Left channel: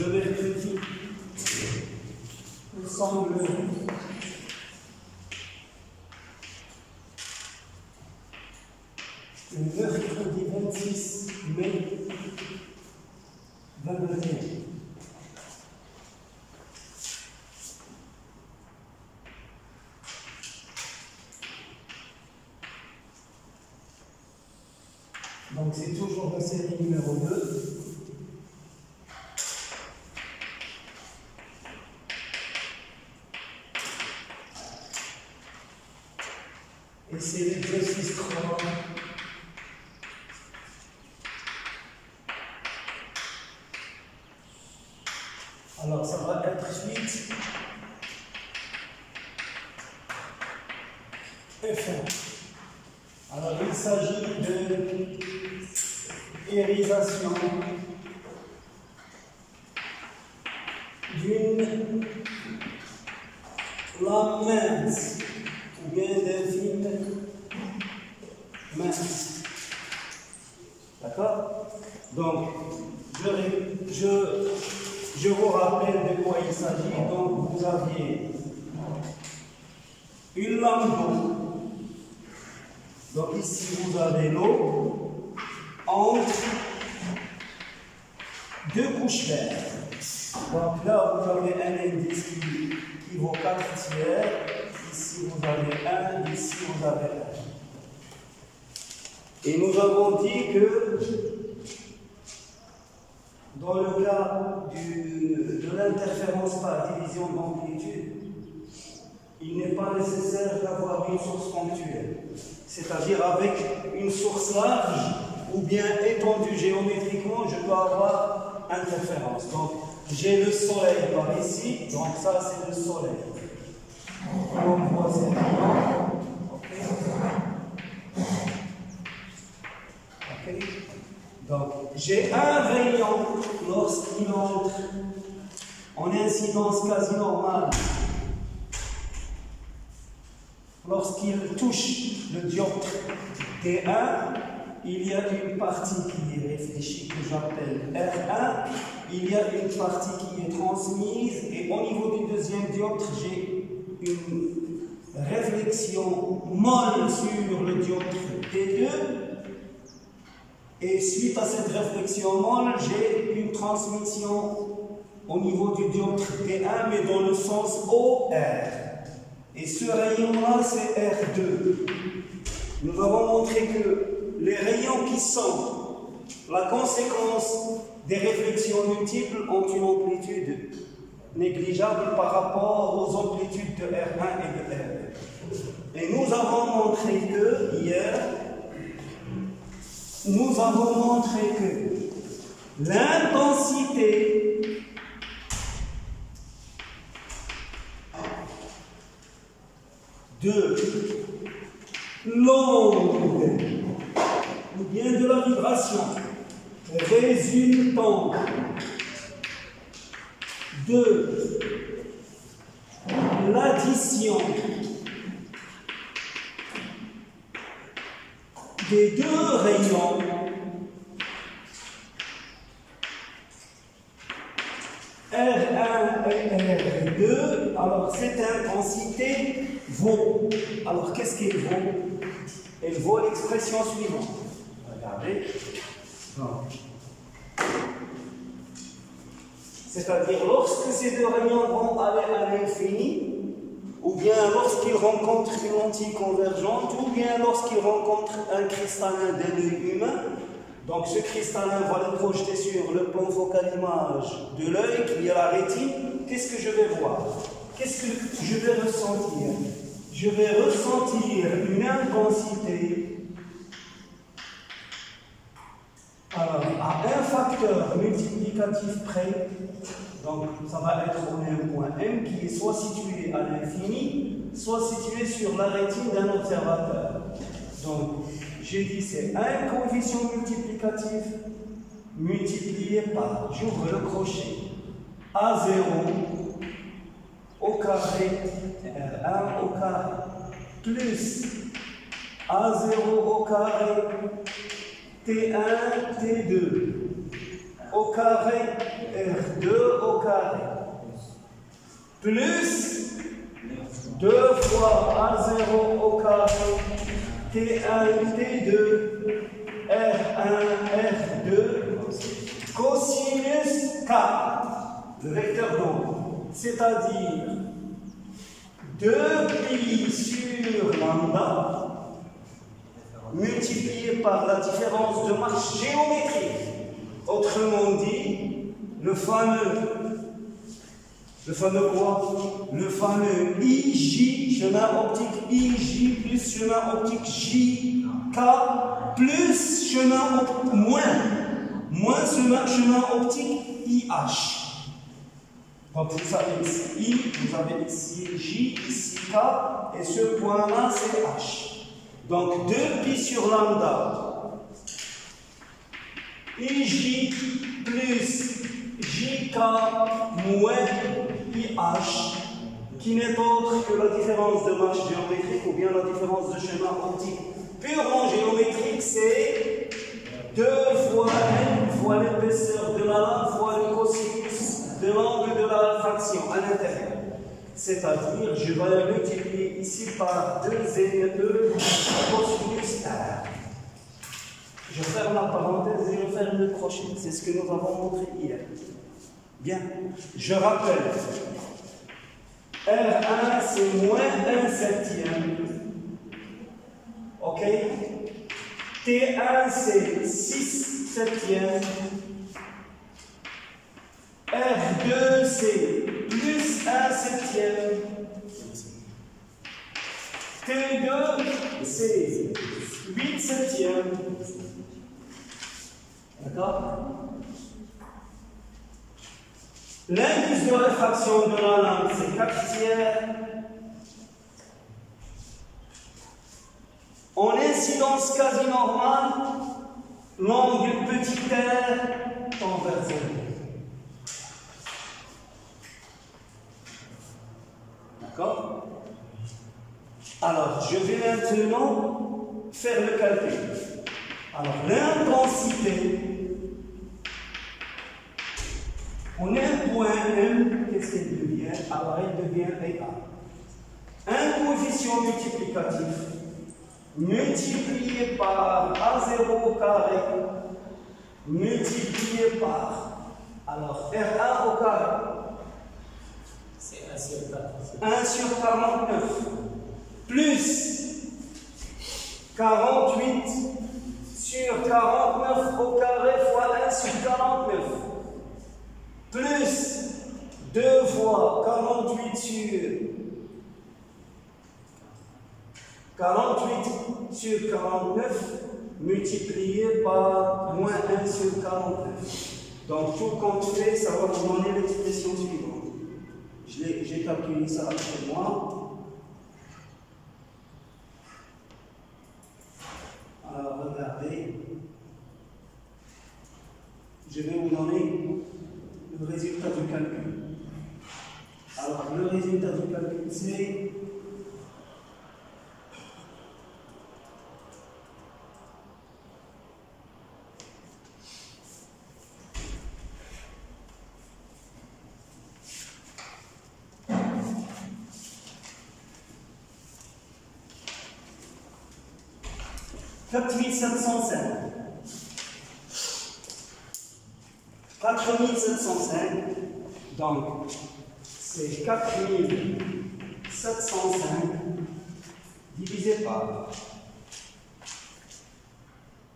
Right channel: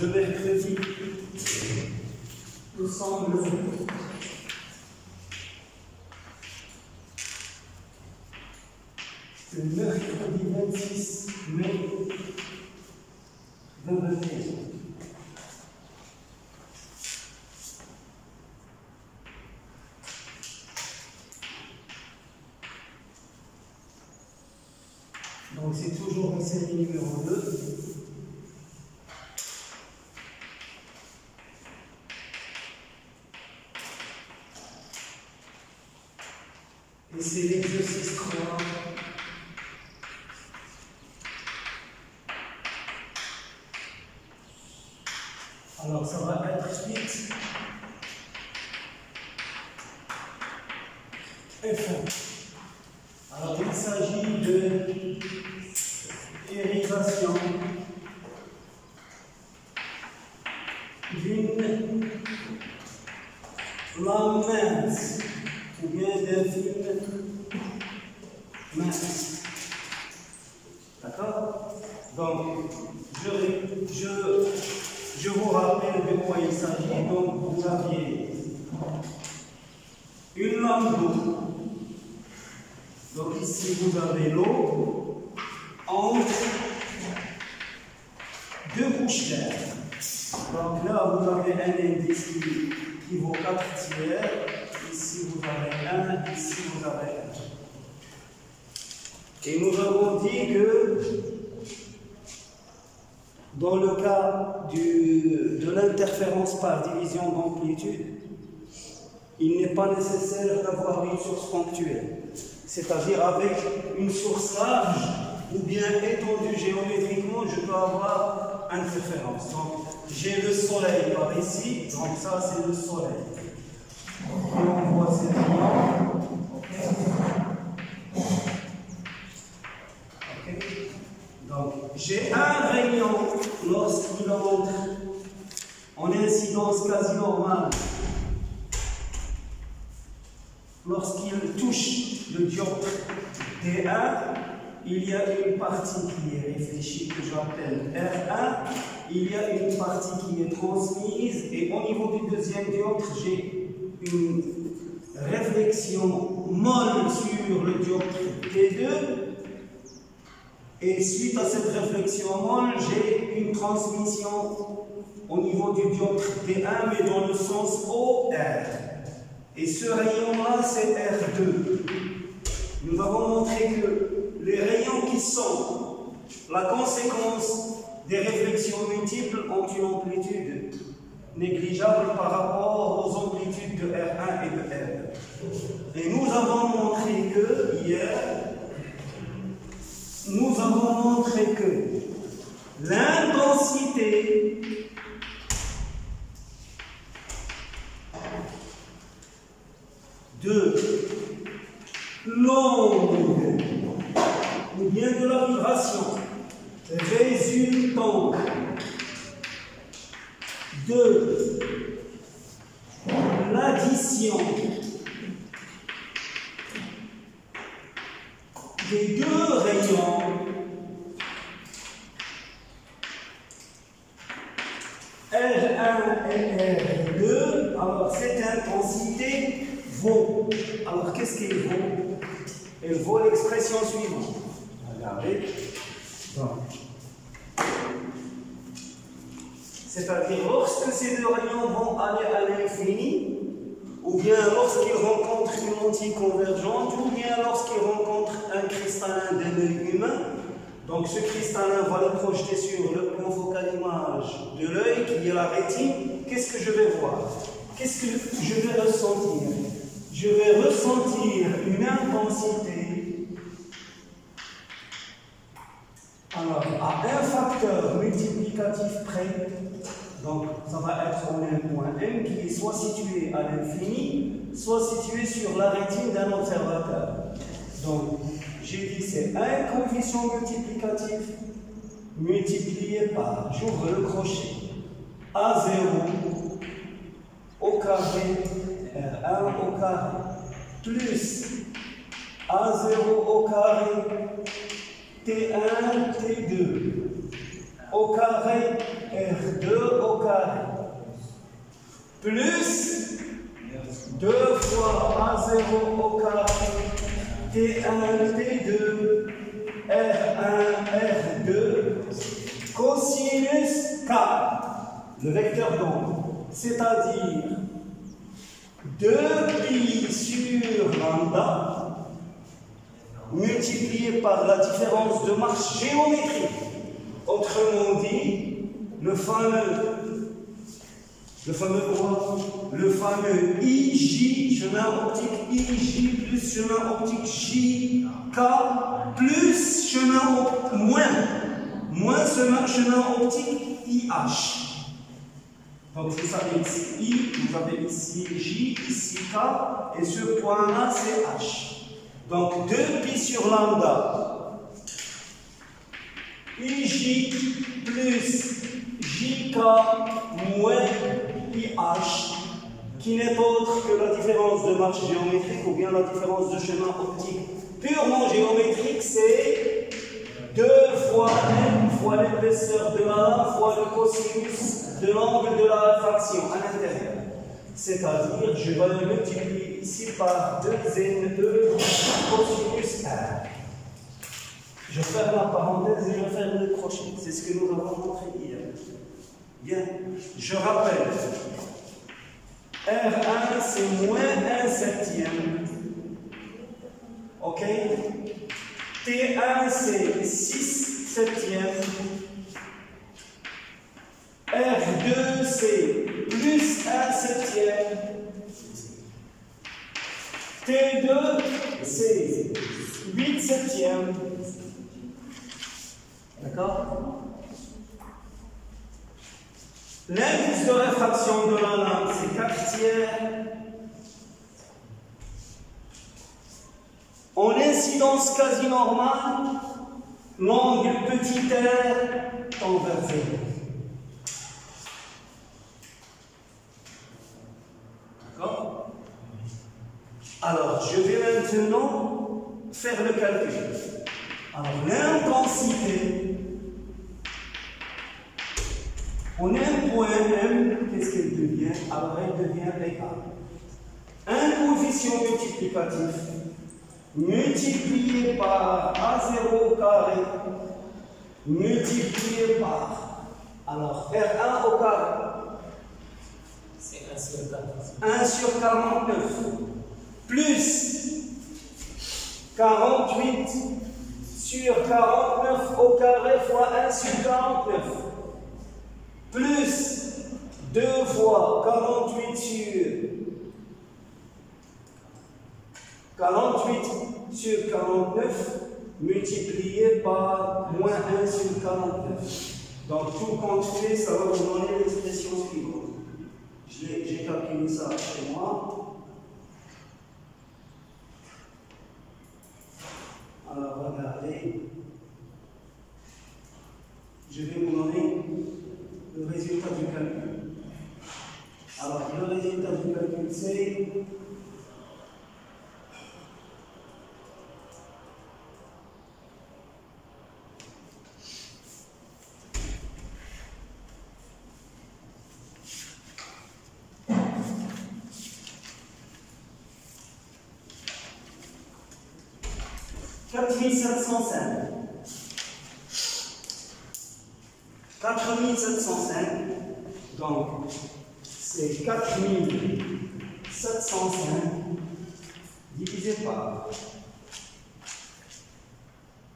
le mercredi, nous sommes le mercredi 26 mai 2021. Donc c'est toujours la série numéro 2. Et c'est l'exercice 3. Alors ça va être suite F1. Alors il s'agit de irisation d'une lame mince ou bien d'un film mince. D'accord? Donc, je vous rappelle de quoi il s'agit. Donc, vous aviez une lame d'eau. Donc, ici, vous avez l'eau entre deux couches d'air. Donc là, vous avez un indice qui vaut 4 tiers. Ici, vous avez 1. Ici, vous avez 1. Et nous avons dit que dans le cas de l'interférence par division d'amplitude, il n'est pas nécessaire d'avoir une source ponctuelle, c'est-à-dire avec une source large ou bien étendue géométriquement, je dois avoir interférence. Donc, j'ai le soleil par ici, donc ça c'est le soleil. On voit ces rayons. Ok. Donc, j'ai un rayon lorsqu'il entre en incidence quasi normale. Lorsqu'il touche le dioptre T1, il y a une partie qui est réfléchie, que j'appelle R1. Il y a une partie qui est transmise, et au niveau du deuxième dioptre, j'ai une réflexion molle sur le dioptre T2. Et suite à cette réflexion molle, j'ai une transmission au niveau du dioptre T1, mais dans le sens OR. Et ce rayon-là, c'est R2. Nous avons montré que les rayons qui sont la conséquence des réflexions multiples ont une amplitude négligeable par rapport aux amplitudes de R1 et de R2. Et nous avons montré que, hier, nous avons montré que l'intensité de l'onde ou bien de la vibration résultant de l'addition des deux rayons R1 et R2, alors cette intensité vaut. Alors qu'est-ce qu'elle vaut? Elle vaut l'expression suivante. Regardez. C'est-à-dire lorsque ces deux rayons vont aller à l'infini, ou bien lorsqu'ils rencontrent une lentille convergente, ou bien lorsqu'ils rencontrent un cristallin d'un œil humain. Donc ce cristallin va le projeter sur le plan focal image de l'œil, qui est la rétine. Qu'est-ce que je vais voir? Qu'est-ce que je vais ressentir? Je vais ressentir une intensité, alors à un facteur multiplicatif près. Donc ça va être en un point M qui est soit situé à l'infini, soit situé sur la rétine d'un observateur. Donc j'ai dit c'est un coefficient multiplicatif multiplié par, j'ouvre le crochet, A0 au carré R1 au carré plus A0 au carré T1 T2 au carré, R2 au carré, plus 2 fois A0 au carré, T1, T2, R1, R2, cosinus K, le vecteur d'onde, c'est-à-dire 2pi sur lambda multiplié par la différence de marche géométrique. Autrement dit, le fameux quoi? Le fameux IJ, chemin optique IJ plus chemin optique JK plus moins chemin optique IH. Donc vous savez ici I, vous avez ici J, ici K, et ce point-là c'est H. Donc 2pi sur lambda, IJ plus JK moins IH, qui n'est autre que la différence de marche géométrique ou bien la différence de chemin optique purement géométrique, c'est 2 fois n fois l'épaisseur de la lame fois le cosinus de l'angle de la fraction à l'intérieur. C'est-à-dire, je vais multiplier ici par 2n2 cosinus R. Je ferme la parenthèse et je ferme le crochet. C'est ce que nous avons montré hier. Bien, je rappelle, R1 c'est moins 1 septième. Ok? T1 c'est 6 septièmes. R2 c'est plus 1 septième. T2 c'est 8 septièmes. D'accord? L'indice de réfraction de la lame c'est 4 tiers. En incidence quasi normale, l'angle petit r tend vers 0. D'accord? Alors, je vais maintenant faire le calcul. Alors, l'intensité, on a un point M, qu'est-ce qu'elle devient? Alors, elle devient égale. Un coefficient multiplicatif multiplié par A0 au carré multiplié par, alors, R1 au carré. C'est 1 sur 49. 1 sur 49 plus 48 sur 49 au carré fois 1 sur 49 plus 2 fois 48 sur 49 multiplié par moins 1 sur 49. Donc tout compte fait, ça va vous donner l'expression suivante. J'ai calculé ça chez moi. Alors regardez. Je vais vous donner le résultat du calcul. Alors le résultat du calcul c'est $4705. 4705, donc c'est 4705 divisé par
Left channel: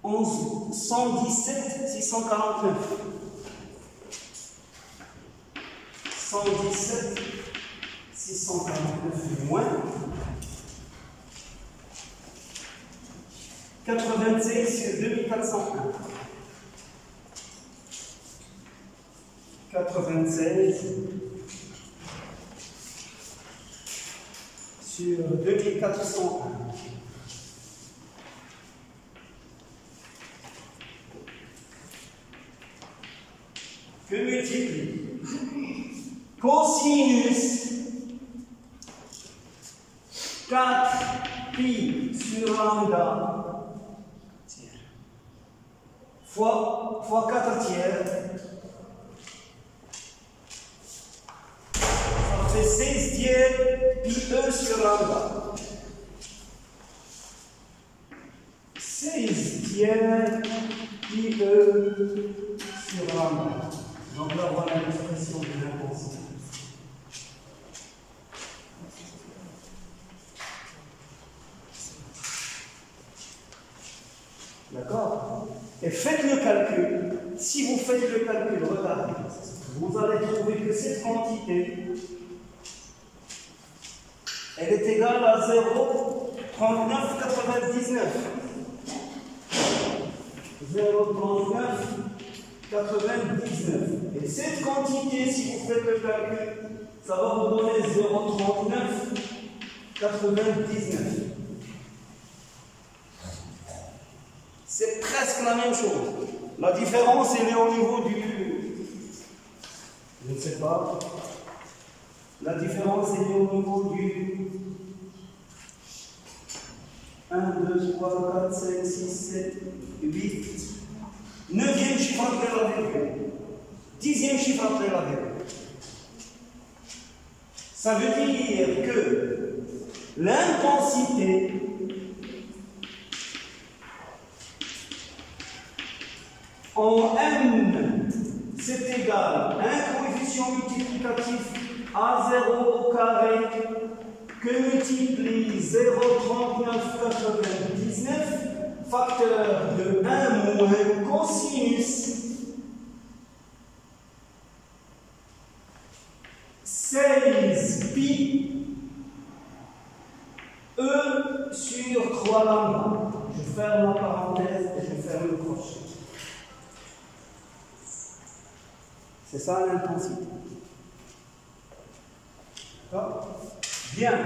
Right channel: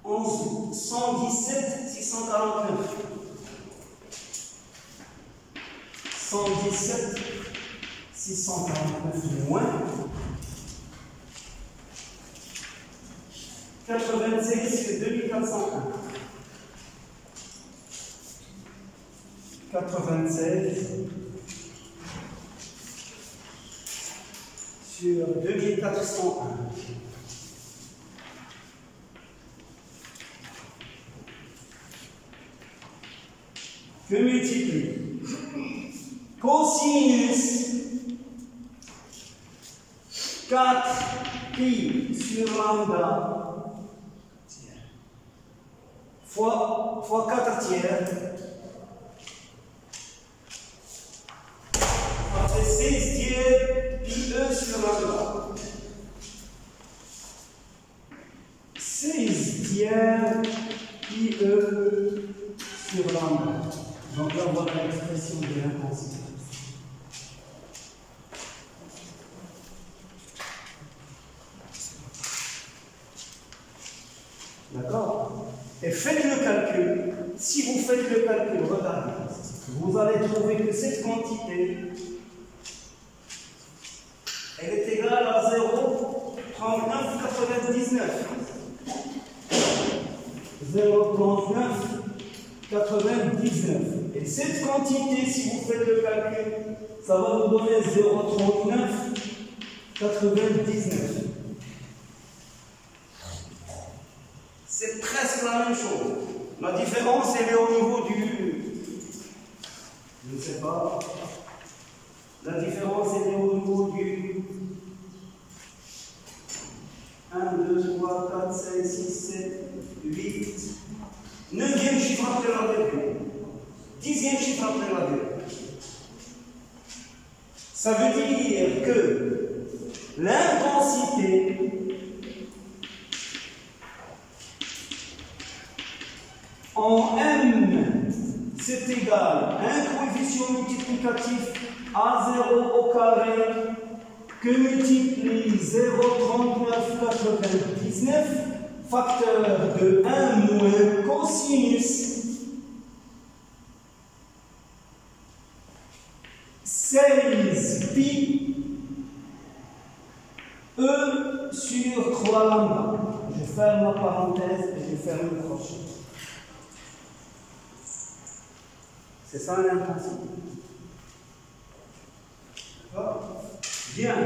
117 649. 117 649 moins 96 2401. 96 sur 2401. Que multiplie cosinus 4pi sur lambda fois 4 tiers. Ça fait 16 tiers pi E sur lambda. 16 tiers pi E sur lambda. Donc là, voilà l'expression de l'intensité. D'accord? Et faites le calcul. Si vous faites le calcul, regardez, vous allez trouver que cette quantité, elle est égale à 0,3999. 0,3999. Et cette quantité, si vous faites le calcul, ça va vous donner 0,3999. C'est presque la même chose. La différence, elle est au niveau du... Je ne sais pas. La différence, elle est au niveau du... 1, 2, 3, 4, 5, 6, 7, 8... 9e chiffre après la virgule. 10e chiffre après la virgule. Ça veut dire que l'intensité en M, c'est égal à un coefficient multiplicatif A0 au carré que multiplie 0,3999 facteur de 1 moins cosinus 16 pi E sur 3 lambda. Je ferme la parenthèse et je ferme le crochet. C'est ça l'intensité. D'accord? Bien.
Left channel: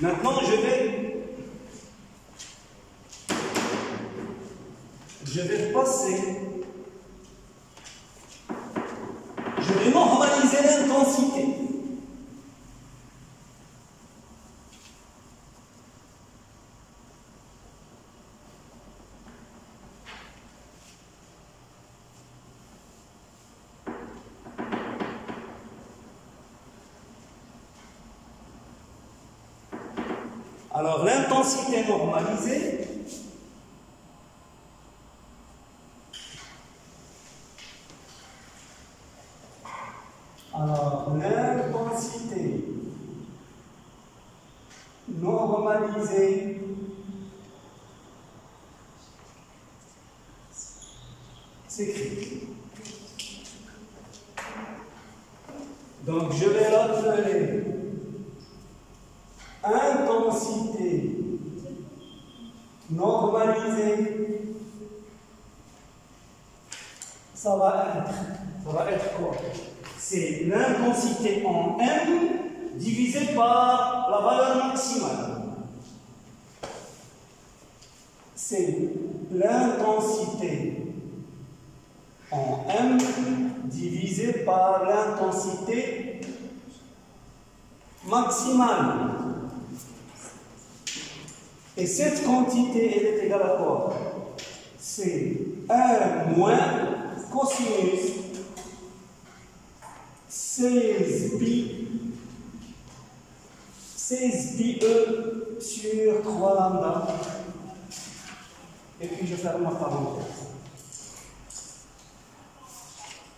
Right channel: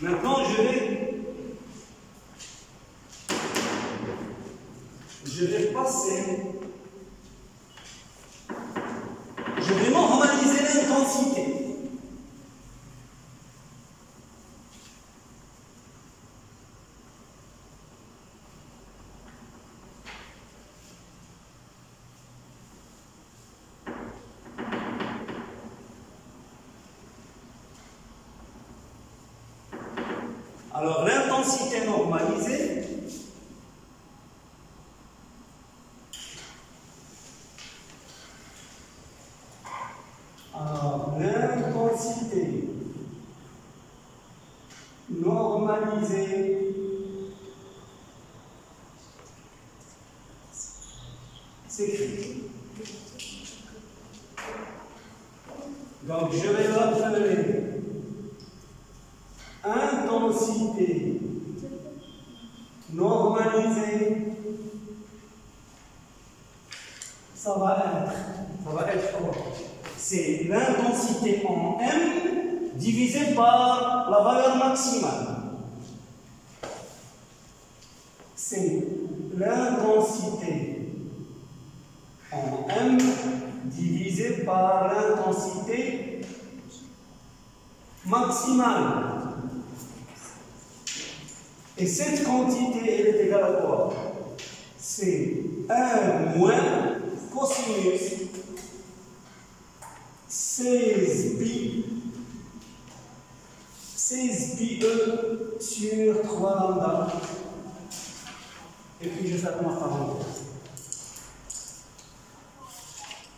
Maintenant, je vais passer. Je vais normaliser l'intensité. Alors, l'intensité normalisée, s'écrit. Donc, je vais l'appeler intensité normalisée. Ça va être quoi? C'est l'intensité en M divisé par la valeur maximale. C'est l'intensité en M divisé par l'intensité maximale. Et cette quantité, elle est égale à quoi? C'est 1 moins cosinus 16 pi E sur 3 lambda. Et puis je ferme ma parenthèse.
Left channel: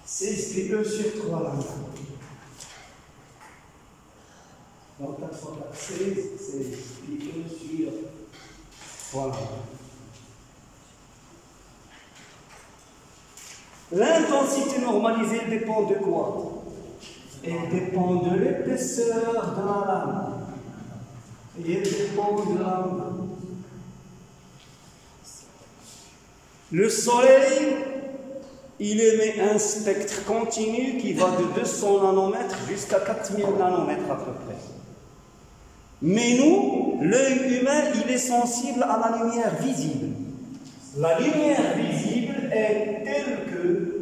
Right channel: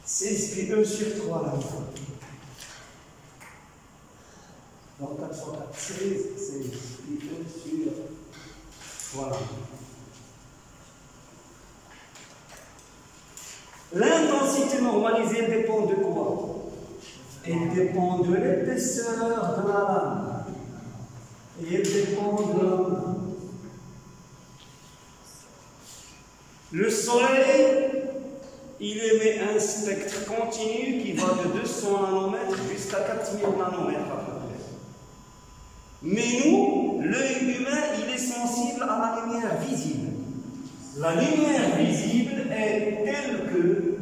16 pi E sur 3 lambda. Donc 4 fois 4, 16 pi E sur 3 lambda. L'intensité normalisée dépend de quoi? Elle dépend de l'épaisseur de la lame. Et elle dépend de la lame. Le soleil, il émet un spectre continu qui va de 200 nanomètres jusqu'à 4000 nanomètres à peu près. Mais nous, l'œil humain, il est sensible à la lumière visible. La lumière visible est telle que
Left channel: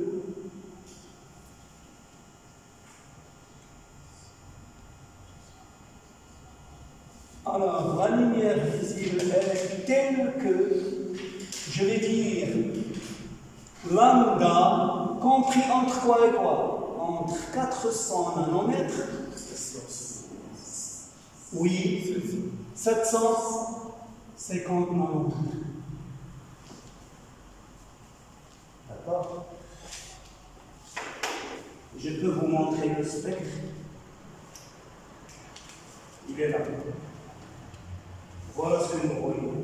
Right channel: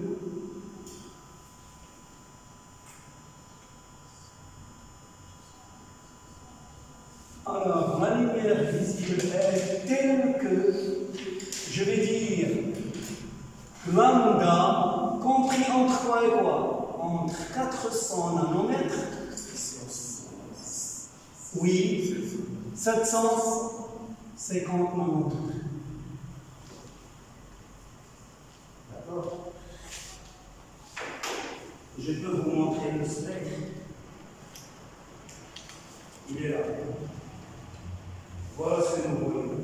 la lumière visible est telle que, je vais dire, lambda compris entre quoi et quoi? Entre 400 nanomètres, oui, 750 nanomètres. D'accord? Je peux vous montrer le spectre. Il est là. Voilà ce que nous voyons.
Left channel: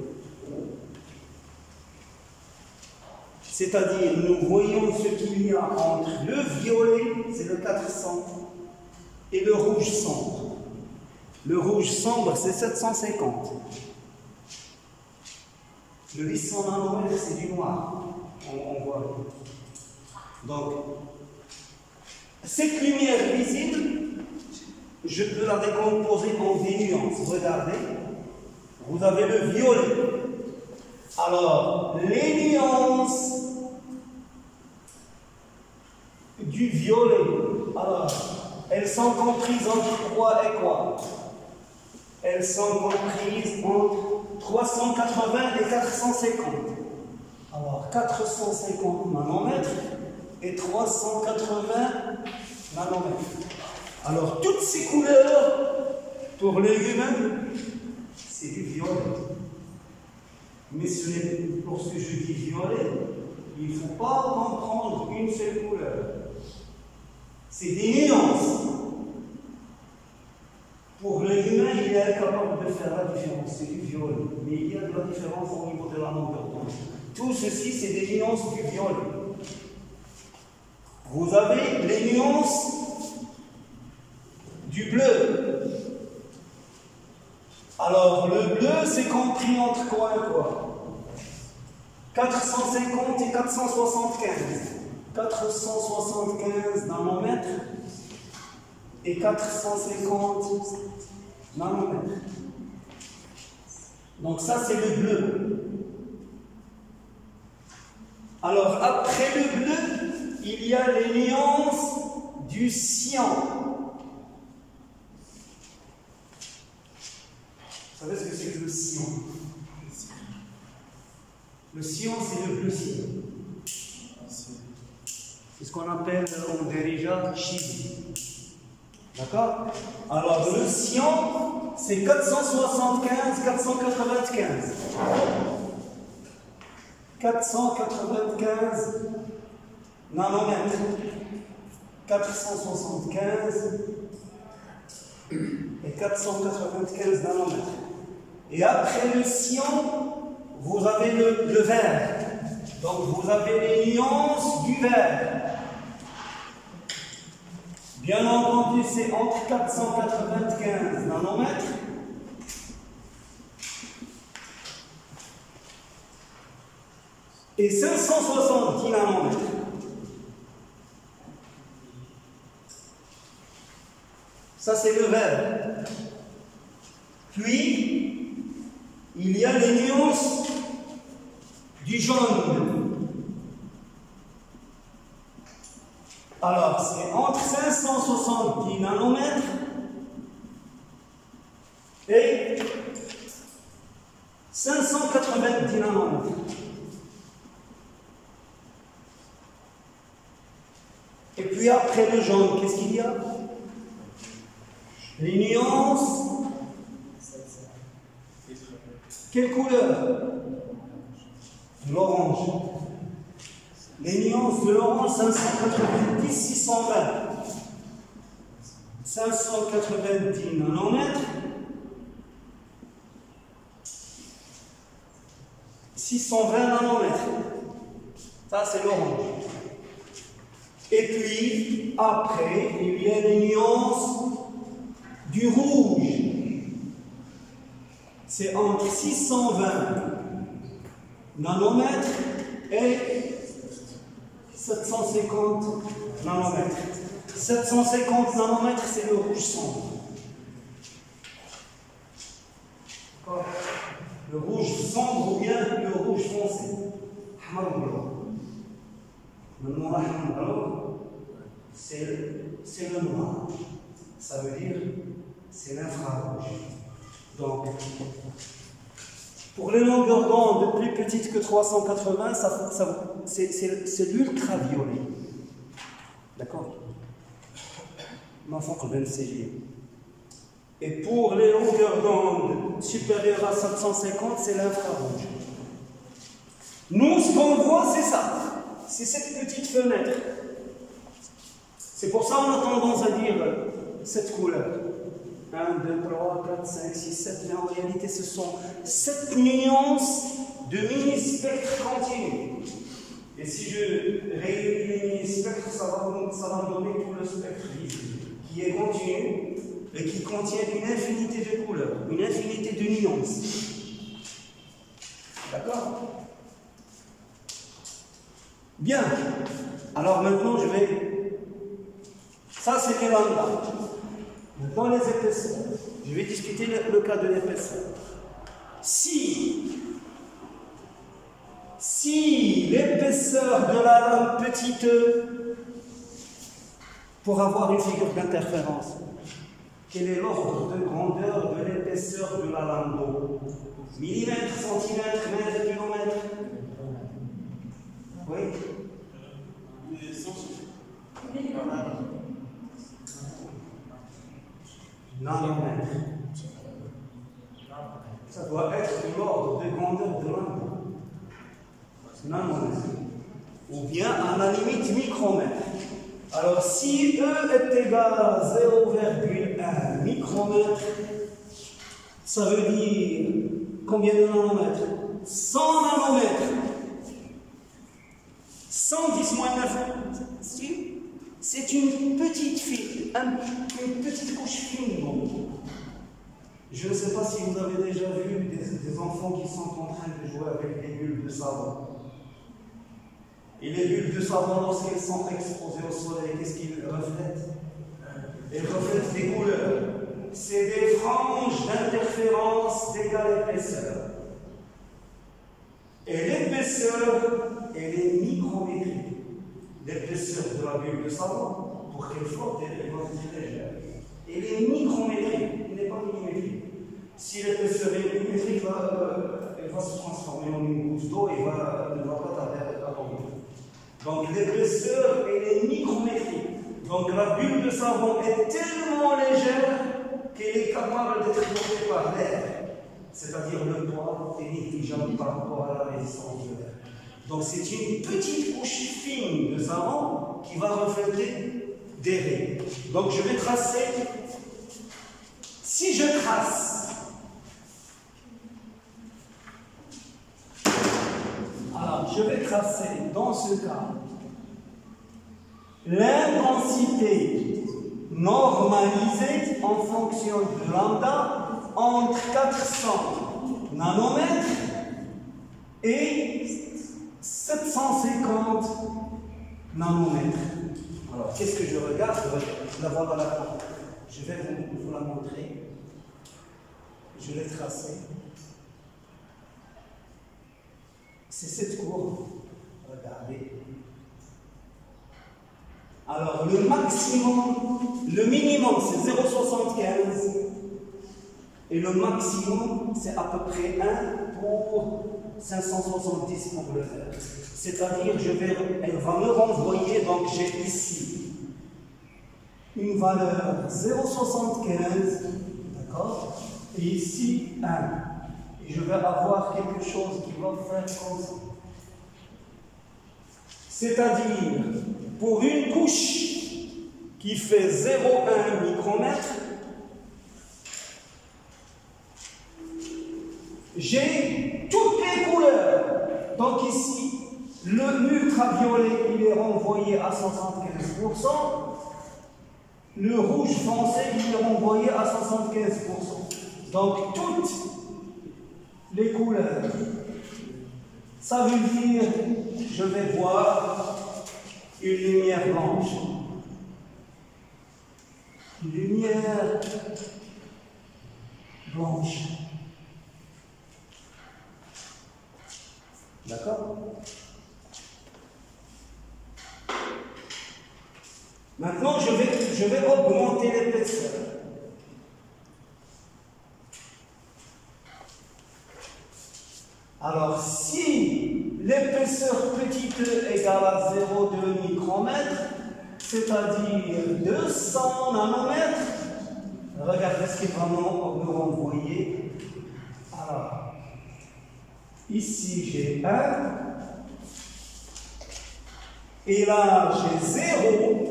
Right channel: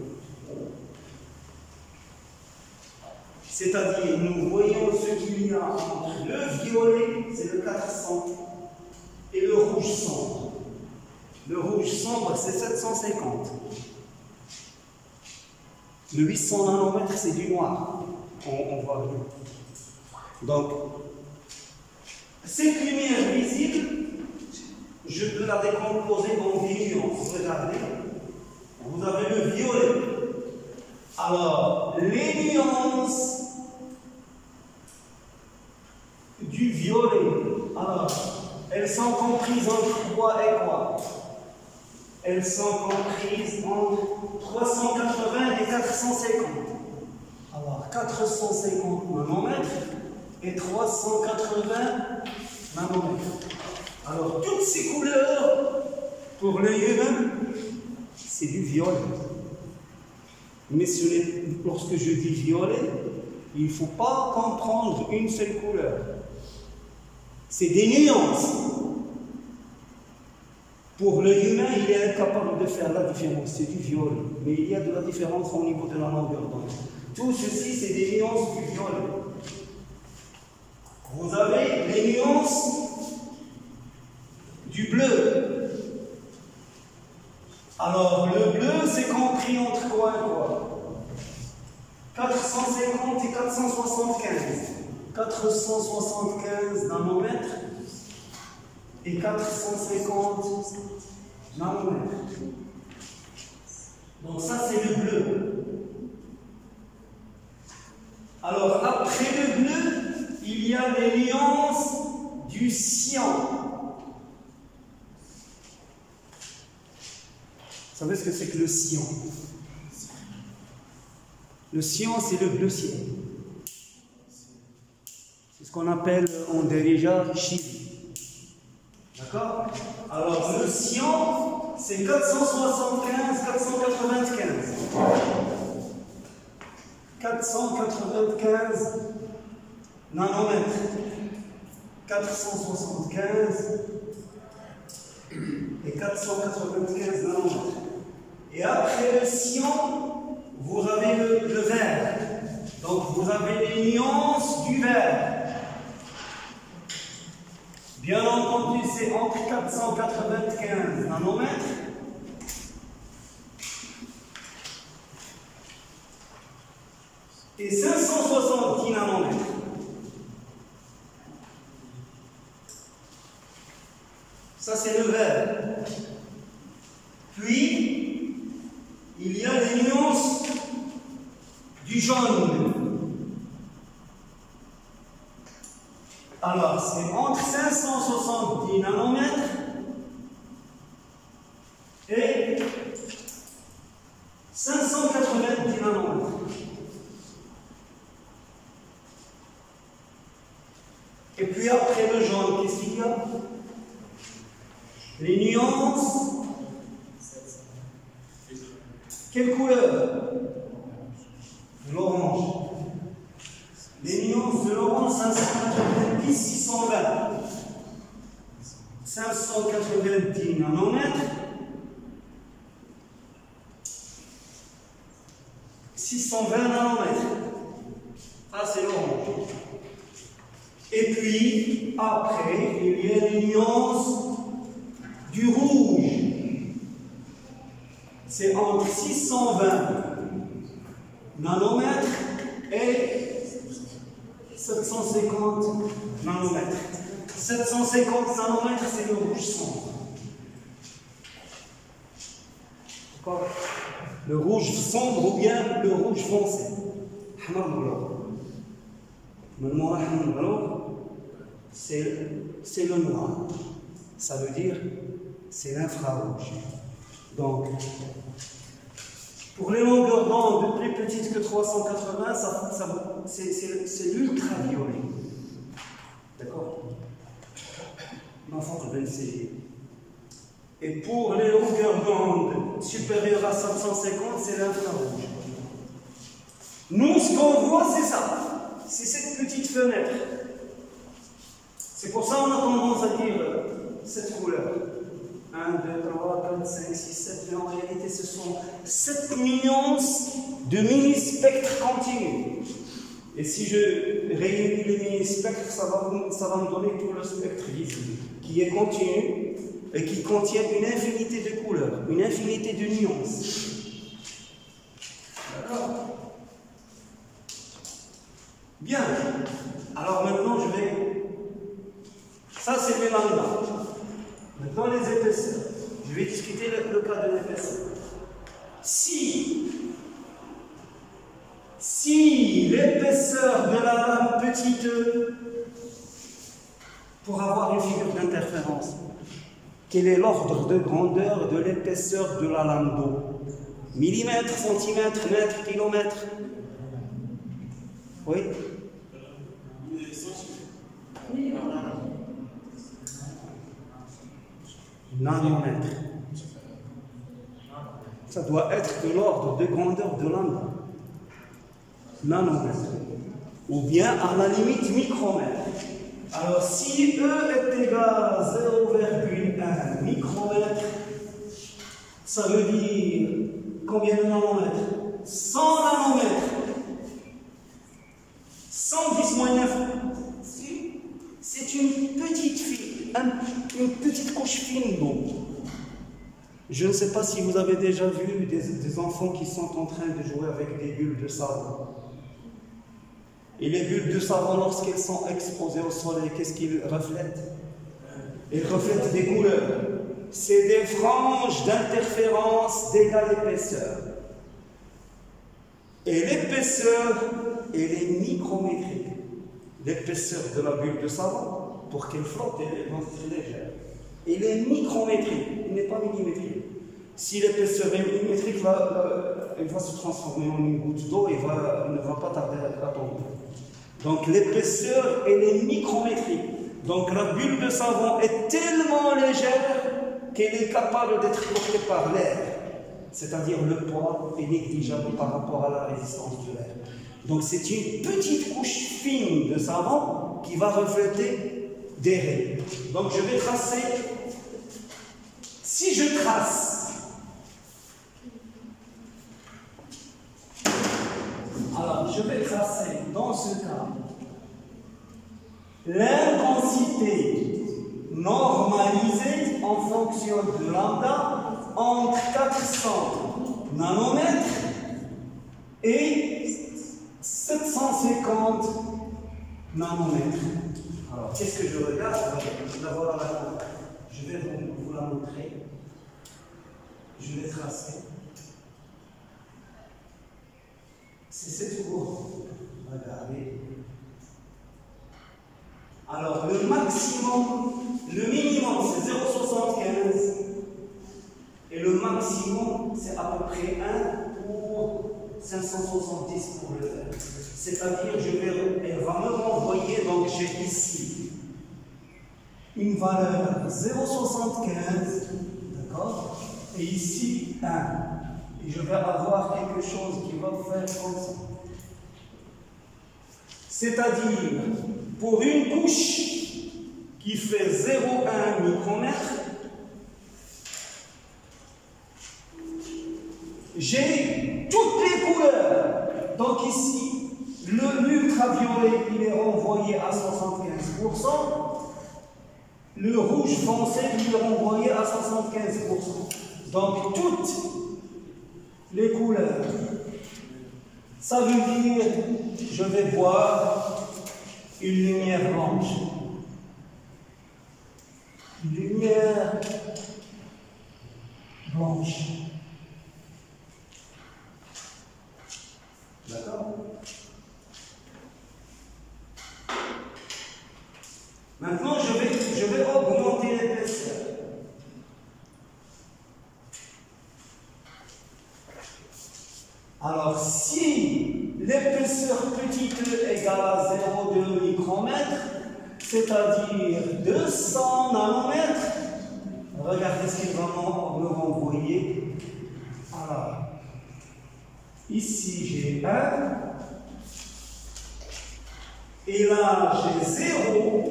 C'est-à-dire, nous voyons ce qu'il y a entre le violet, c'est le 400, et le rouge sombre. Le rouge sombre, c'est 750. Le 800 nanomètres, c'est du noir. On voit bien. Donc, cette lumière visible, je peux la décomposer en des nuances. Regardez, vous avez le violet. Alors, les nuances du violet, alors, elles sont comprises entre quoi et quoi? Elles sont comprises entre 380 et 450. Alors, 450 nanomètres et 380 nanomètres. Alors, toutes ces couleurs, pour l'œil humain, c'est du violet. Mais lorsque je dis violet, il ne faut pas comprendre une seule couleur. C'est des nuances. Pour l'œil humain, il est incapable de faire la différence. C'est du violet. Mais il y a de la différence au niveau de la longueur d'onde. Tout ceci, c'est des nuances du violet. Vous avez les nuances du bleu. Alors, le bleu, c'est compris entre quoi et quoi? 450 et 475. 475 nanomètres et 450 nanomètres. Donc ça, c'est le bleu. Alors, après le bleu, il y a les nuances du cyan. Vous savez ce que c'est que le cyan? Le cyan, c'est le bleu ciel. C'est ce qu'on appelle en dérija chibi. D'accord? Alors, le cyan, c'est 475, 495. 495 nanomètres. 475 et 495 nanomètres. Et après le cyan, vous avez le vert. Donc vous avez les nuances du vert. Bien entendu, c'est entre 495 nanomètres et 570 nanomètres. Ça, c'est le vert. Puis, il y a les nuances du jaune. Alors, c'est entre 570 nanomètres et 590 nanomètres. Et puis après le jaune, qu'est-ce qu'il y a? Les nuances. Quelle couleur? L'orange. Les nuances de l'orange, 590, 620. 590 nanomètres. 620 nanomètres. Ça, c'est l'orange. Et puis, après, il y a les nuances du rouge. C'est entre 620 nanomètres et 750 nanomètres. 750 nanomètres, c'est le rouge sombre. D'accord? Le rouge sombre ou bien le rouge foncé. C'est le noir. Ça veut dire c'est l'infrarouge. Donc, Pour les longueurs d'onde plus petites que 380, c'est l'ultraviolet. D'accord? Et pour les longueurs d'onde supérieures à 750, c'est l'infrarouge. Nous, ce qu'on voit, c'est ça. C'est cette petite fenêtre. C'est pour ça qu'on a tendance à dire cette couleur. 1, 2, 3, 4, 5, 6, 7, mais en réalité ce sont 7 nuances de mini-spectres continus. Et si je réunis les mini-spectres, ça va me donner tout le spectre visible, qui est continu et qui contient une infinité de couleurs, une infinité de nuances. D'accord? Bien. Alors maintenant je vais... Ça c'est les lambda. Maintenant les épaisseurs. Je vais discuter le cas de l'épaisseur. Si l'épaisseur de la lame petite e, pour avoir une figure d'interférence, quel est l'ordre de grandeur de l'épaisseur de la lame d'eau? Millimètres, centimètres, mètres, kilomètres? Oui? Nanomètre. Ça doit être de l'ordre de grandeur de lambda. Nanomètre. Ou bien à la limite micromètre. Alors si E est égal à 0,1 micromètre, ça veut dire combien de nanomètres? 100 nanomètres. 110 moins 9. C'est une petite couche fine d'eau. Je ne sais pas si vous avez déjà vu des enfants qui sont en train de jouer avec des bulles de savon. Et les bulles de savon, lorsqu'elles sont exposées au soleil, qu'est-ce qu'ils reflètent? Elles reflètent des couleurs. C'est des franges d'interférence d'égale épaisseur. Et l'épaisseur, elle est micrométrique. L'épaisseur de la bulle de savon, pour qu'elle flotte, elle est légère. Elle est micrométrique, elle n'est pas millimétrique. Si l'épaisseur est millimétrique, elle va se transformer en une goutte d'eau et elle ne va pas tarder à tomber. Donc l'épaisseur, elle est micrométrique. Donc la bulle de savon est tellement légère qu'elle est capable d'être portée par l'air. C'est-à-dire le poids est négligeable par rapport à la résistance de l'air. Donc c'est une petite couche fine de savon qui va refléter des rayons. Donc je vais tracer. Si je trace, alors je vais tracer dans ce cas l'intensité normalisée en fonction de lambda entre 400 nanomètres et 750 nanomètres. Alors, qu'est-ce que je regarde? Je la vois dans la table. Je vais vous la montrer. Je vais tracer. C'est cette courbe. Regardez. Alors, le maximum, le minimum, c'est 0,75. Et le maximum, c'est à peu près 1 pour 570 pour le faire. C'est-à-dire, elle va me renvoyer, donc j'ai ici une valeur 0,75, d'accord? Et ici 1. Et je vais avoir quelque chose qui va faire comme ça. C'est-à-dire, pour une couche qui fait 0,1 micromètre, j'ai toutes les couleurs. Donc ici, l'ultraviolet, il est renvoyé à 75%. Le rouge foncé, il est renvoyé à 75%. Donc toutes les couleurs. Ça veut dire, je vais voir une lumière blanche. Une lumière blanche. D'accord? Maintenant, je vais augmenter l'épaisseur. nanomètres, c'est-à-dire 200 nanomètres. Regardez ce qu'il va me renvoyer. Alors, ici j'ai 1, et là j'ai 0.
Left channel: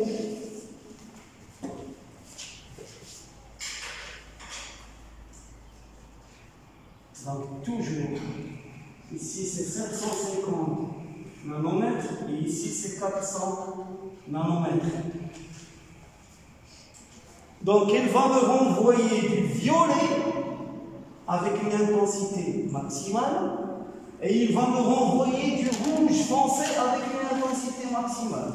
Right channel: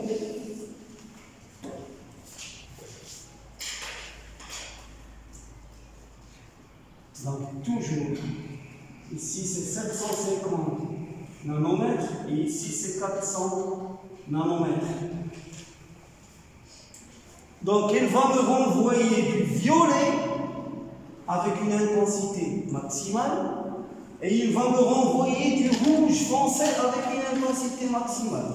Donc toujours, ici c'est 750 nanomètres et ici c'est 400 nanomètres. Donc il va me renvoyer du violet avec une intensité maximale et il va me renvoyer du rouge foncé avec une intensité maximale.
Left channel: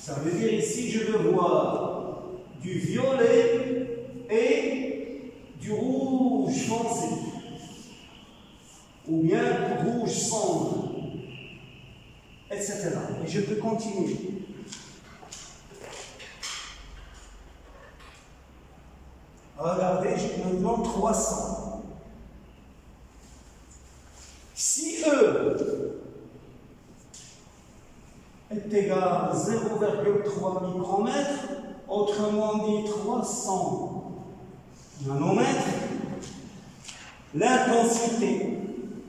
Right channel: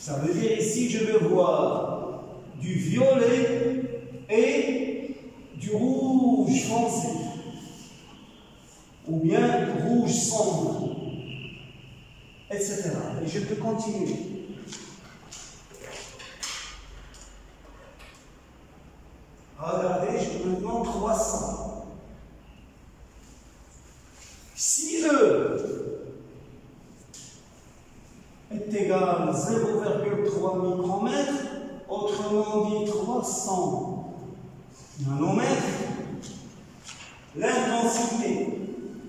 Ça veut dire ici je vais voir du violet et du rouge foncé, ou bien rouge sombre, etc. Et je peux continuer. Regardez, j'ai maintenant 300. Si E est égal à 0,3 micromètres, autrement dit 300 nanomètres, l'intensité,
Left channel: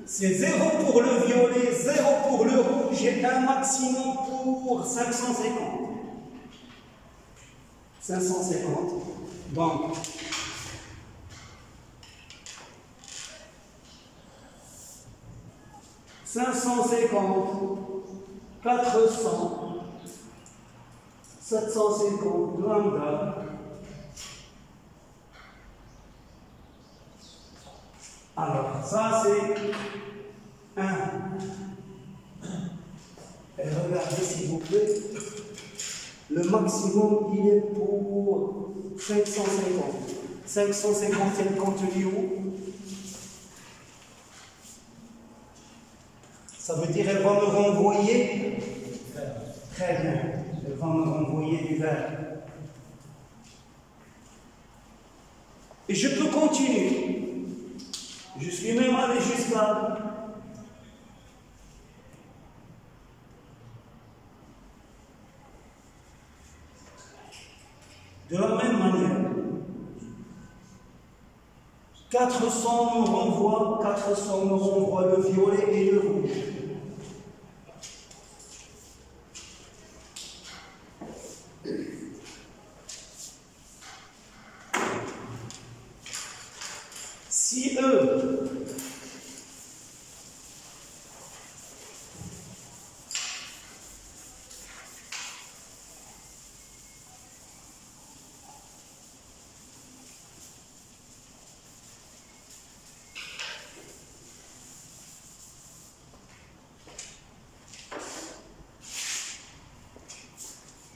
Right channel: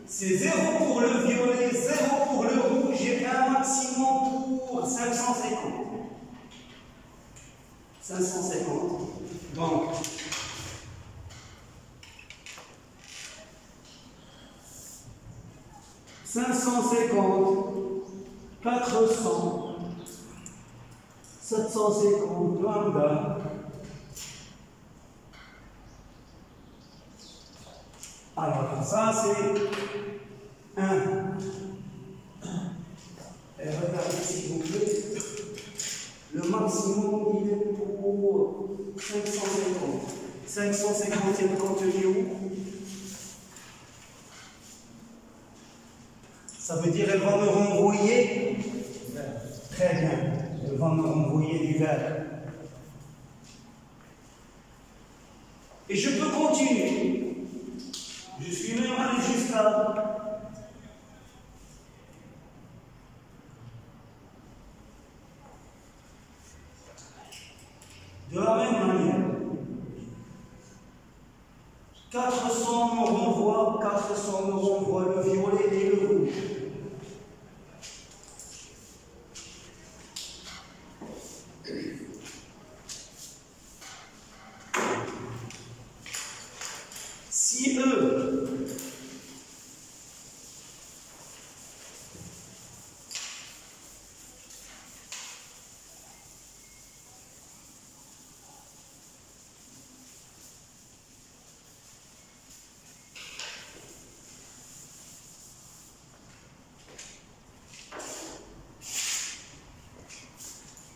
c'est 0 pour le violet, 0 pour le rouge et un maximum pour 550. 550. Donc, « 550, 400, 750 lambda, alors ça c'est 1. Et regardez s'il vous plaît, le maximum il est pour 550. 550 est contenu où? Ça veut dire qu'elle va me renvoyer vert. Très bien, elle va me renvoyer du vert. Et je peux continuer. Je suis même allé jusqu'à de la même manière. 400 me renvoie le violet et le rouge. Si E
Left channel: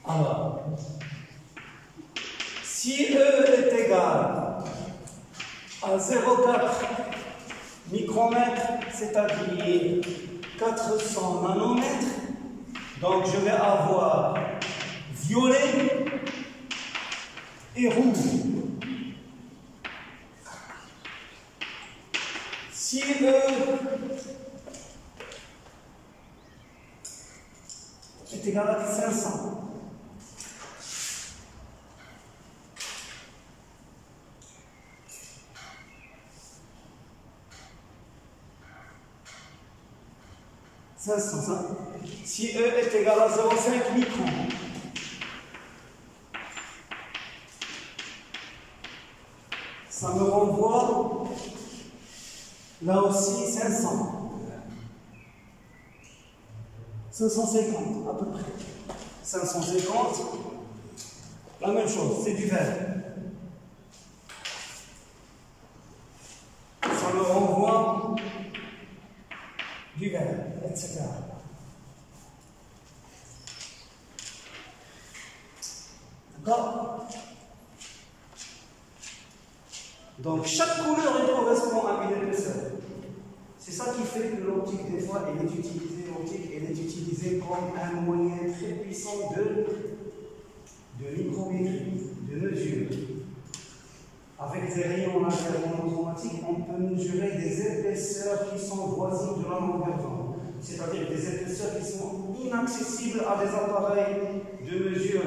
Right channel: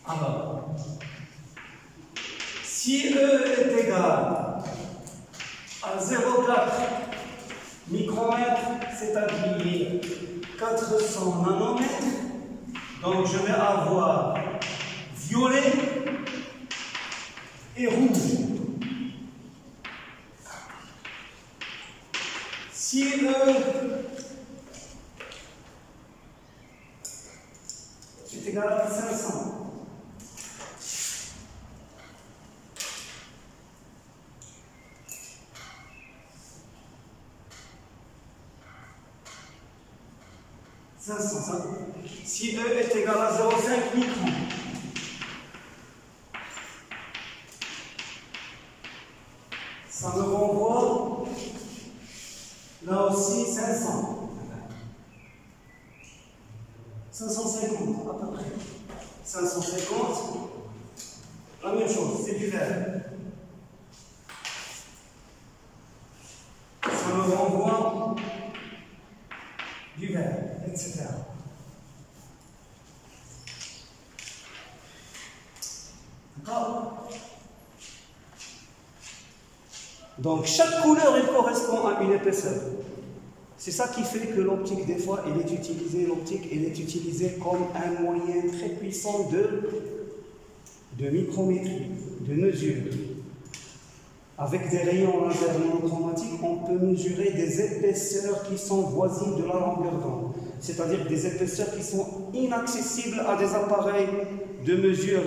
alors, si E est égal à 0,4 micromètres, c'est-à-dire 400 nanomètres, donc je vais avoir violet et rouge. Si E est égal à 500, si E est égal à 0,5 micron, ça me renvoie là aussi 500. 550 à peu près. 550, la même chose, c'est du vert. Ça me renvoie du vert, etc. D'accord? Donc chaque couleur elle correspond à une épaisseur. C'est ça qui fait que l'optique, des fois, elle est utilisée comme un moyen très puissant de micrométrie, de mesure. Avec des rayons laser monochromatiques, on peut mesurer des épaisseurs qui sont voisines de la longueur d'onde. c'est-à-dire des épaisseurs qui sont inaccessibles à des appareils de mesure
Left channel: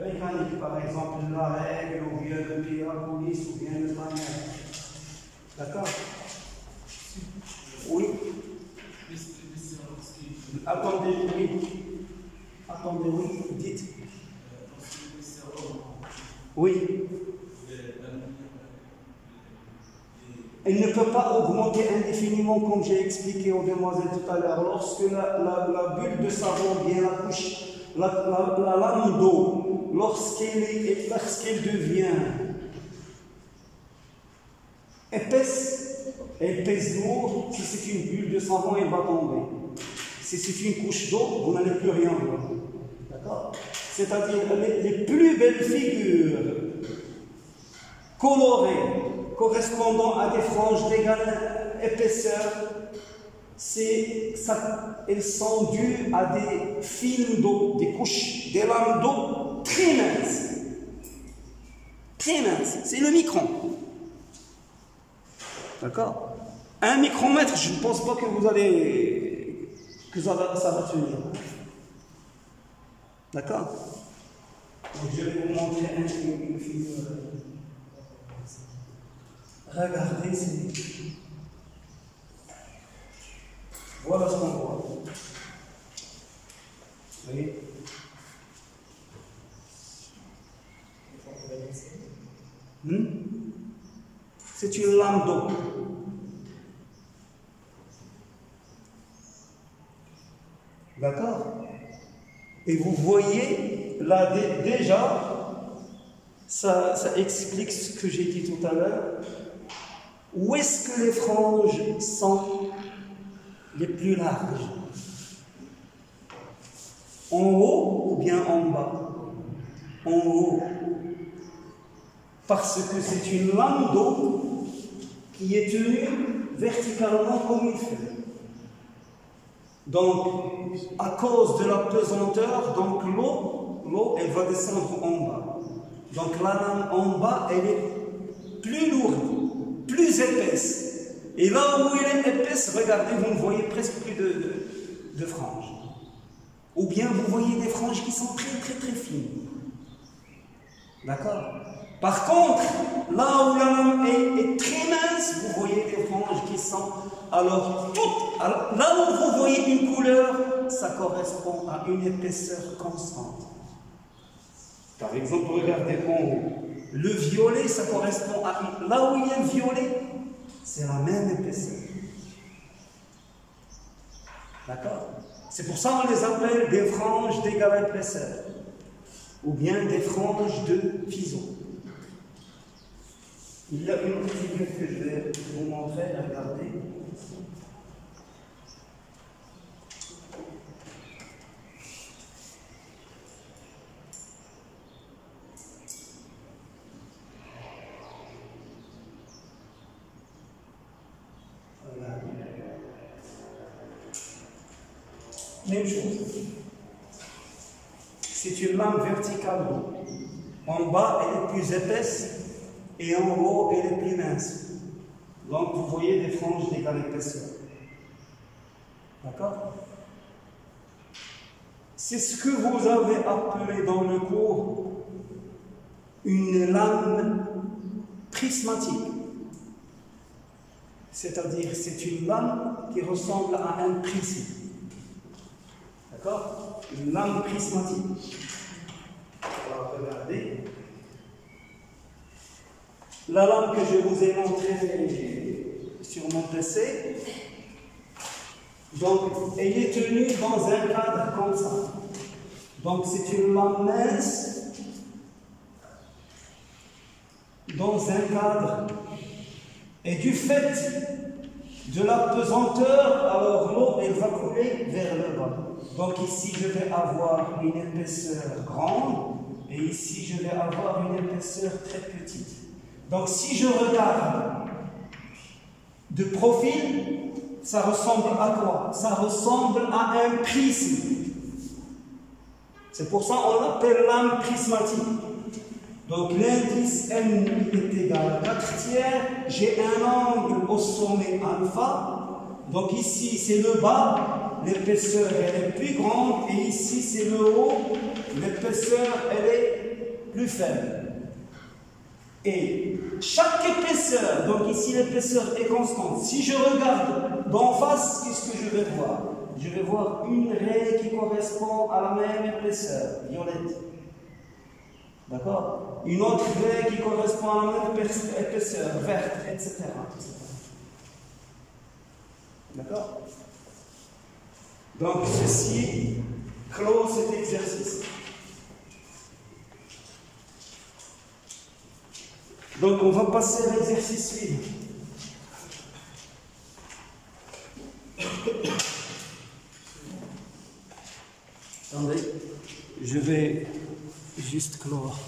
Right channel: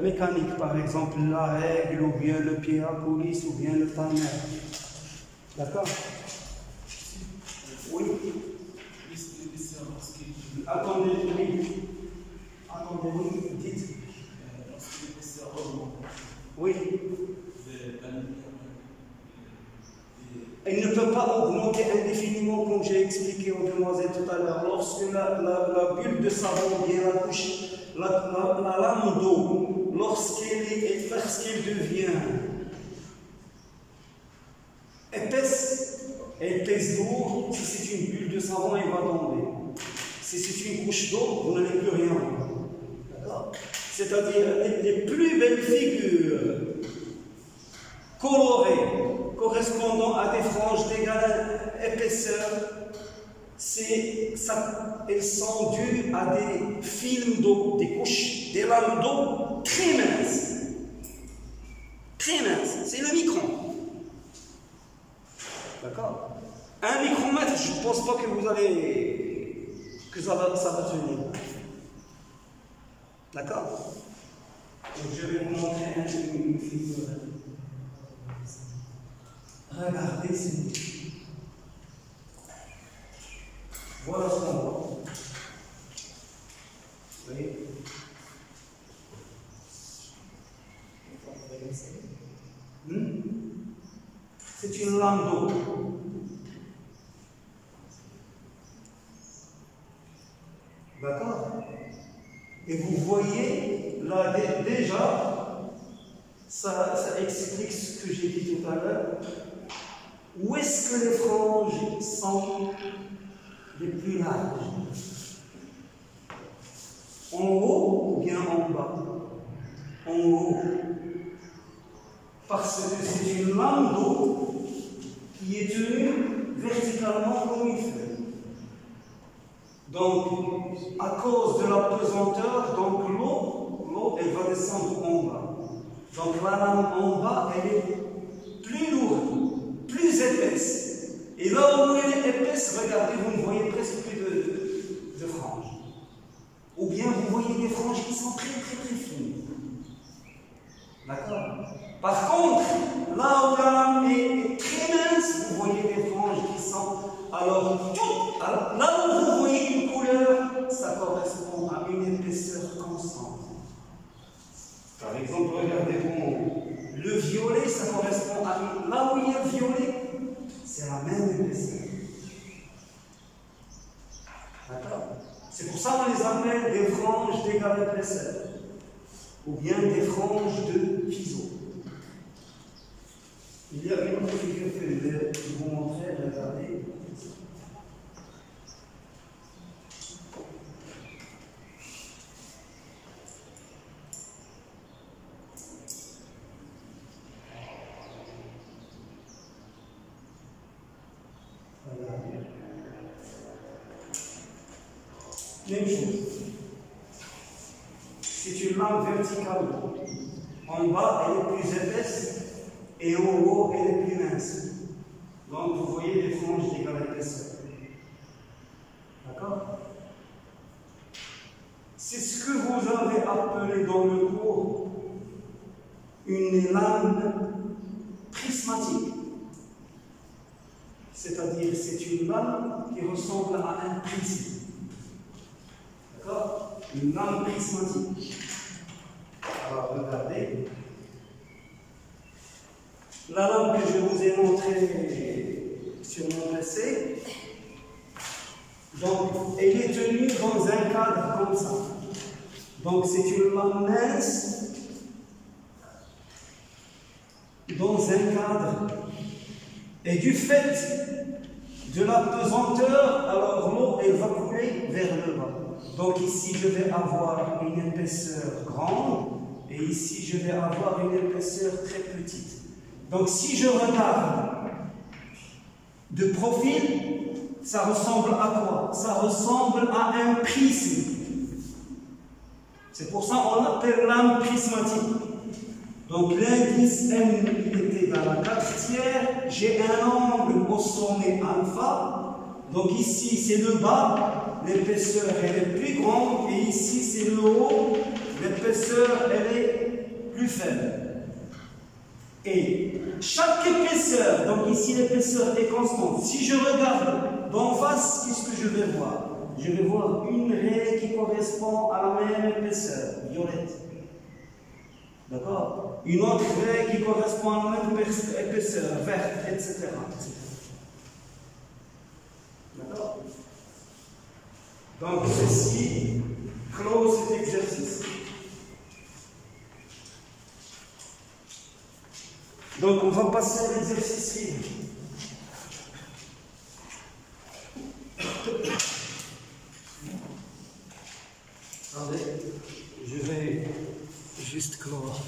mécanique, par exemple la règle, ou bien le pied à police, ou bien le tamer. D'accord? Oui. Attendez, oui. Attendez, oui, dites. Oui. Elle ne peut pas augmenter indéfiniment, comme j'ai expliqué aux demoiselles tout à l'heure. Lorsque la bulle de savon, bien la couche, la lame d'eau, lorsqu'elle devient épaisse, elle pèse lourd. Si c'est une bulle de savon, elle va tomber. Si c'est une couche d'eau, vous n'allez plus rien voir. D'accord? C'est-à-dire les plus belles figures colorées, correspondant à des franges d'égale épaisseur, elles sont dues à des films d'eau, des couches, des lames d'eau très minces. Très minces, c'est le micron. D'accord? Un micromètre, je ne pense pas que vous allez. Que ça va tenir. D'accord? Donc je vais vous montrer une figure. Regardez, voilà ce qu'on voit. Vous voyez? C'est une lame d'eau. D'accord? Et vous voyez, là déjà, ça explique ce que j'ai dit tout à l'heure. Où est-ce que les franges sont les plus larges? En haut ou bien en bas? En haut. Parce que c'est une lame d'eau qui est tenue verticalement comme une feuille. Donc, à cause de la pesanteur, donc l'eau, elle va descendre en bas. Donc la lame en bas, elle est plus lourde, plus épaisse. Et là où elle est épaisse, regardez, vous ne voyez presque plus de franges. Ou bien vous voyez des franges qui sont très très très fines. D'accord? Par contre, là où la lame est très mince, vous voyez des franges qui sont... Alors, là où vous voyez une couleur, ça correspond à une épaisseur constante. Par exemple, regardez en haut. Le violet, ça correspond à... Là où il y a le violet, c'est la même épaisseur. D'accord? C'est pour ça qu'on les appelle des franges d'égale épaisseur. Ou bien des franges de Fizeau. Il y a une autre figure que je vais vous montrer, regardez. Même chose. C'est une lame verticale. En bas, elle est plus épaisse et en haut, elle est plus mince. Donc, vous voyez des franges d'égale épaisseur. D'accord? C'est ce que vous avez appelé dans le cours une lame prismatique. C'est-à-dire, c'est une lame qui ressemble à un prisme. D'accord? Une lame prismatique. Alors, regardez. La lame que je vous ai montrée sur mon PC, donc, elle est tenue dans un cadre comme ça. Donc, c'est une lame mince dans un cadre. Et du fait de la pesanteur, alors l'eau, elle va couler vers le bas. Donc ici, je vais avoir une épaisseur grande et ici, je vais avoir une épaisseur très petite. Donc si je regarde de profil, ça ressemble à quoi? Ça ressemble à un prisme. C'est pour ça qu'on l'appelle lame prismatique. Donc l'indice M est égal à 4 tiers. J'ai un angle au sommet alpha. Donc ici, c'est le bas. l'épaisseur elle est plus grande et ici c'est le haut, l'épaisseur elle est plus faible. Et chaque épaisseur, donc ici l'épaisseur est constante. Si je regarde d'en face, qu'est-ce que je vais voir? Je vais voir une raie qui correspond à la même épaisseur, violette. D'accord? Une autre raie qui correspond à la même épaisseur, verte, etc. D'accord? Donc ceci clôt cet exercice. Donc on va passer à l'exercice suivant. Attendez, je vais juste clore.